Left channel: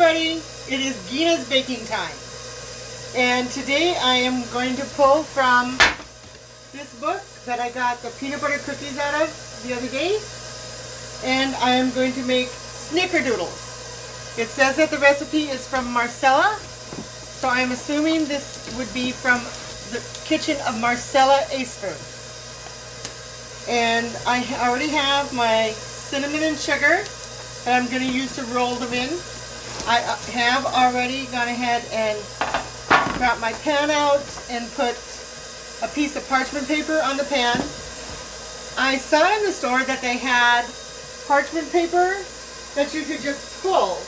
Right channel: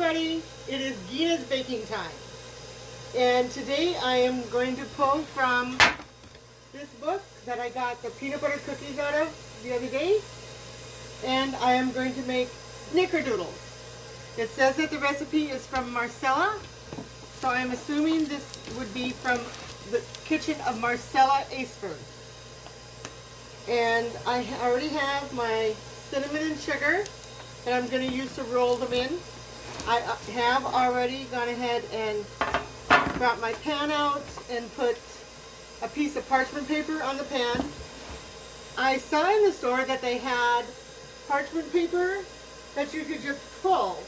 everybody, it is Gina's baking time. And today I am going to pull from this book that I got the peanut butter cookies out of the other day. And I am going to make Snickerdoodles. It says that the recipe is from Marcella, so I'm assuming this would be from the kitchen of Marcella Acer. And I already have my cinnamon and sugar that I'm going to use to roll them in. I have already gone ahead and got my pan out and put a piece of parchment paper on the pan. I saw in the store that they had parchment paper that you could just pull.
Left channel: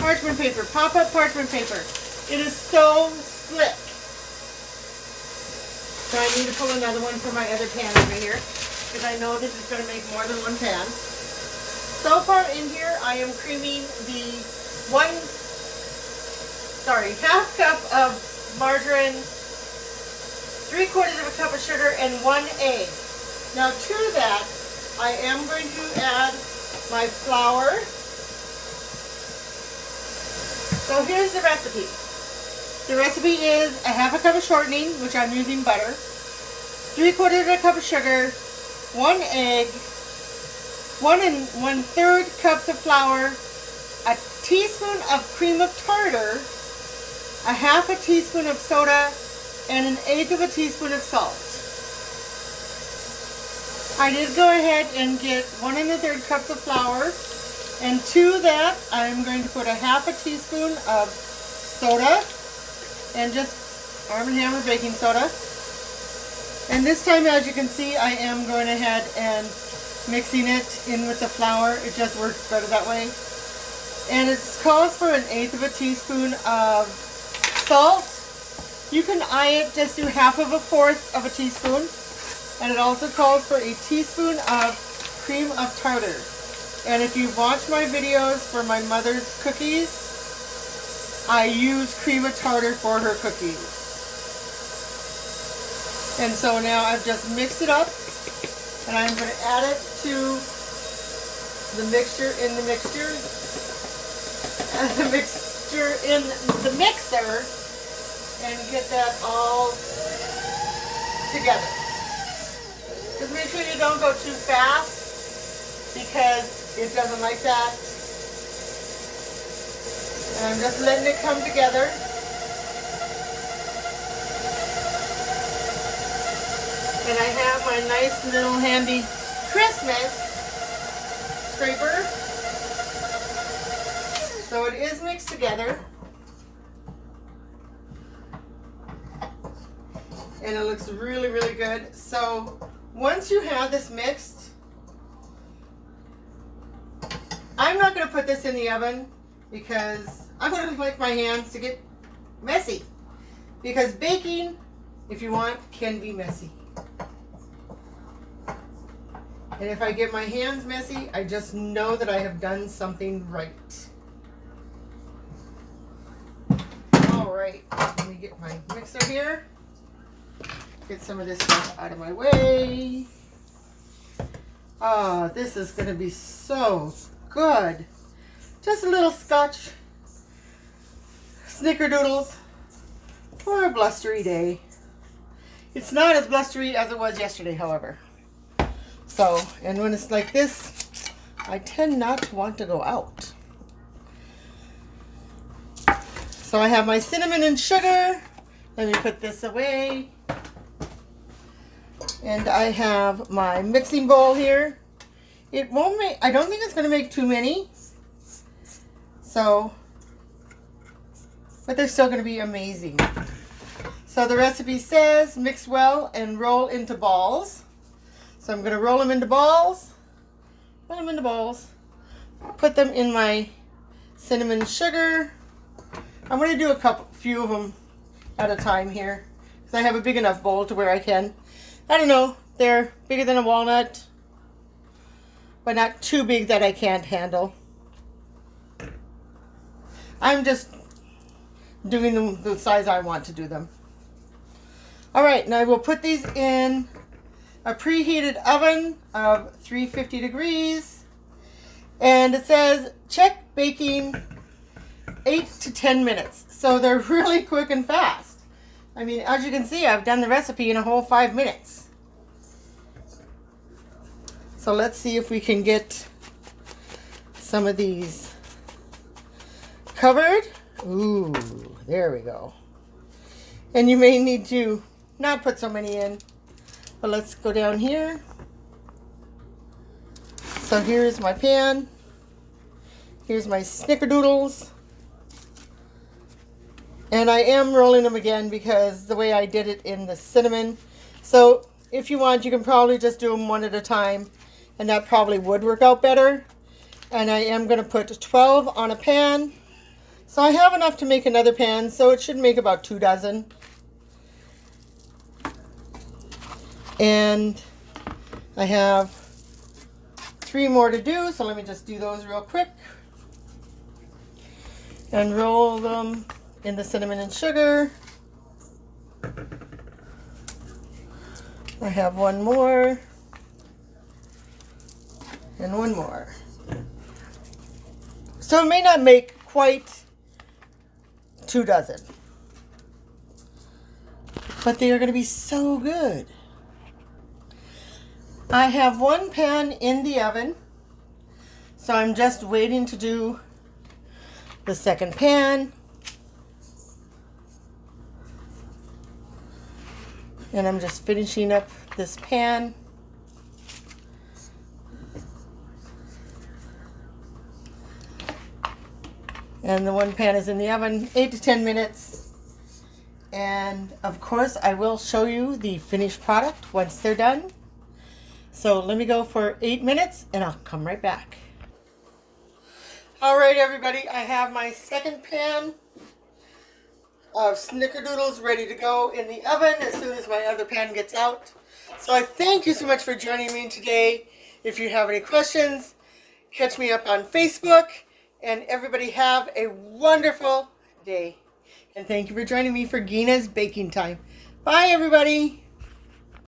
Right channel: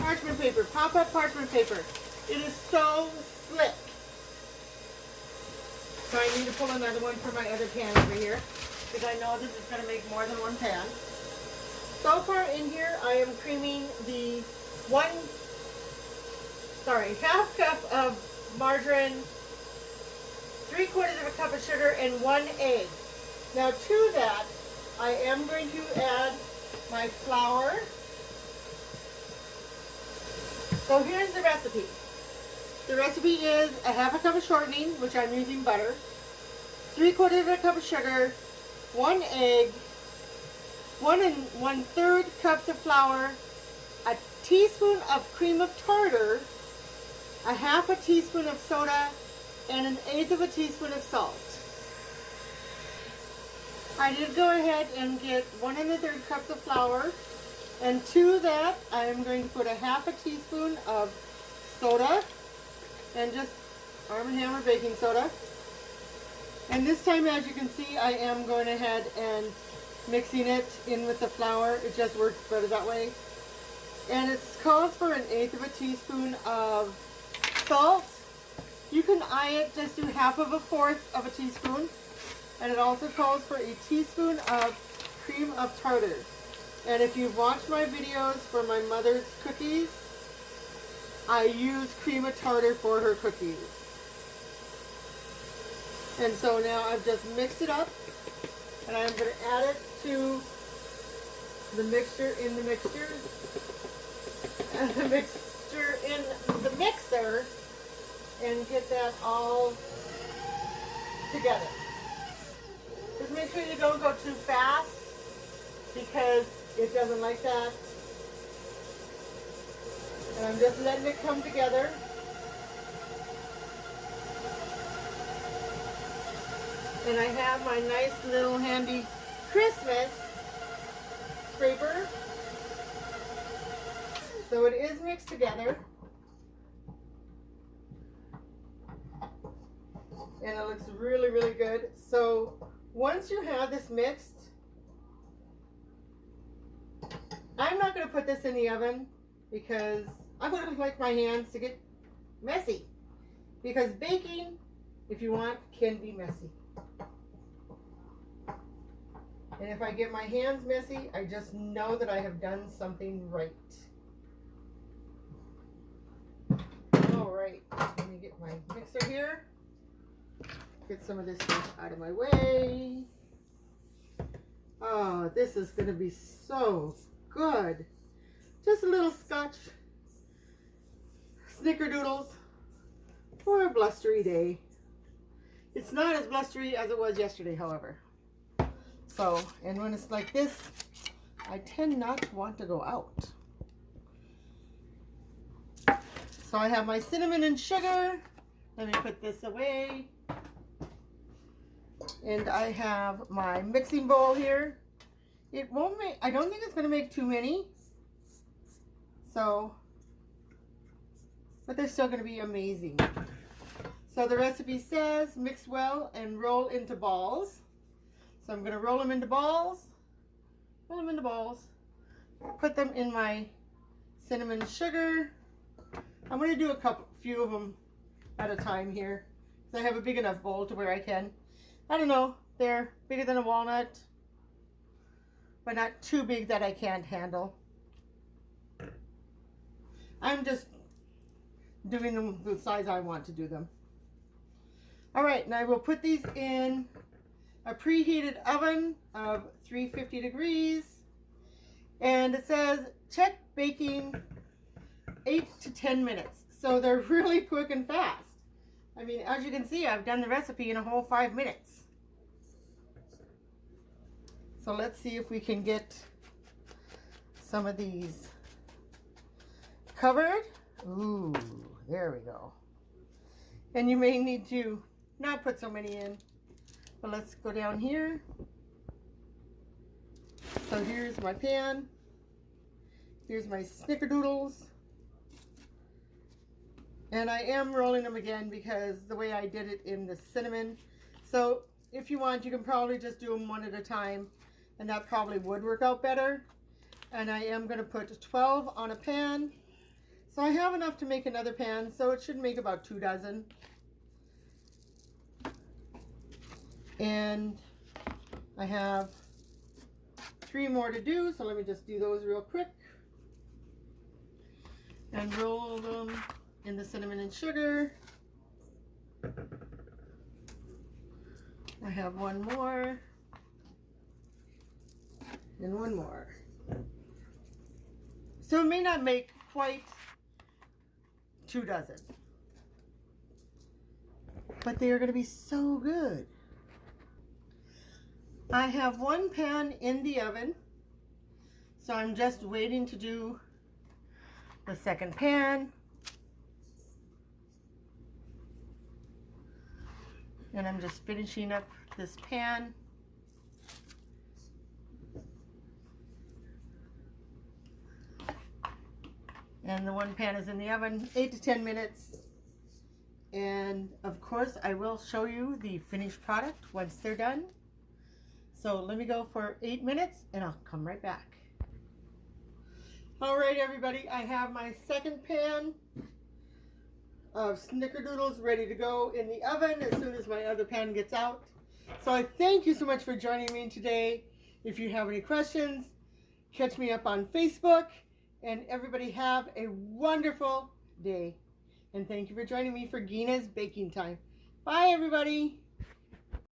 Parchment paper, pop-up parchment paper. It is so slick. So I need to pull another one for my other pan over here, because I know this is going to make more than one pan. So far in here, I am creaming the half cup of margarine, 3/4 of a cup of sugar, and 1 egg. Now to that, I am going to add my flour. So here's the recipe. The recipe is a half a cup of shortening, which I'm using butter, 3/4 of a cup of sugar, 1 egg, 1 1/3 cups of flour, a teaspoon of cream of tartar, a half a teaspoon of soda, and 1/8 of a teaspoon of salt. I did go ahead and get 1 1/3 cups of flour, and to that I'm going to put a half a teaspoon of soda, and just Arm & Hammer baking soda. And this time, as you can see, I am going ahead and mixing it in with the flour. It just works better that way. And it calls for 1/8 of a teaspoon of salt. You can eye it, just do 1/4 of a teaspoon. And it also calls for a teaspoon of cream of tartar. And if you've watched my videos for my mother's cookies, I use cream of tartar for her cookies. And so now I've just mixed it up, and I'm going to add it to the mixture in the mixture, and the mixture in the mixer, and get that all together. Just make sure you don't go too fast, because it doesn't like that. And I'm just letting it come together. And I have my nice little handy Christmas scraper. So it is mixed together. And it looks really, really good. So once you have this mixed, I'm not going to put this in the oven, because I don't like my hands to get messy. Because baking, if you want, can be messy. And if I get my hands messy, I just know that I have done something right. Alright, let me get my mixer here. Get some of this stuff out of my way. Oh, this is going to be so good. Just a little Scotch Snickerdoodles for a blustery day. It's not as blustery as it was yesterday, however. So, and when it's like this, I tend not to want to go out. So I have my cinnamon and sugar. Let me put this away. And I have my mixing bowl here. It won't make, I don't think it's going to make too many. So, but they're still going to be amazing. So the recipe says mix well and roll into balls. So I'm going to roll them into balls. Roll them into balls. Put them in my cinnamon sugar. I'm going to do few of them at a time here, because I have a big enough bowl to where I can. I don't know, they're bigger than a walnut, but not too big that I can't handle. I'm just doing them the size I want to do them. All right, now we'll put these in a preheated oven of 350 degrees, And it says check baking 8 to 10 minutes. So they're really quick and fast. I mean, as you can see, I've done the recipe in a whole 5 minutes. So let's see if we can get some of these covered. Ooh, there we go. And you may need to not put so many in, but let's go down here. So here's my pan. Here's my Snickerdoodles. And I am rolling them again because the way I did it in the cinnamon. So if you want, you can probably just do them one at a time, and that probably would work out better. And I am going to put 12 on a pan. So I have enough to make another pan, so it should make about 2 dozen. And I have 3 more to do, so let me just do those real quick. And roll them in the cinnamon and sugar. I have 1 more. And 1 more. So it may not make quite 2 dozen. But they are going to be so good. I have 1 pan in the oven. So I'm just waiting to do the second pan. And I'm just finishing up this pan. And the 1 pan is in the oven, 8 to 10 minutes. And of course, I will show you the finished product once they're done. So let me go for 8 minutes and I'll come right back. All right, everybody, I have my second pan of Snickerdoodles ready to go in the oven as soon as my other pan gets out. So I thank you so much for joining me today. If you have any questions, catch me up on Facebook. And everybody have a wonderful day. And thank you for joining me for Gina's Baking Time. Bye, everybody.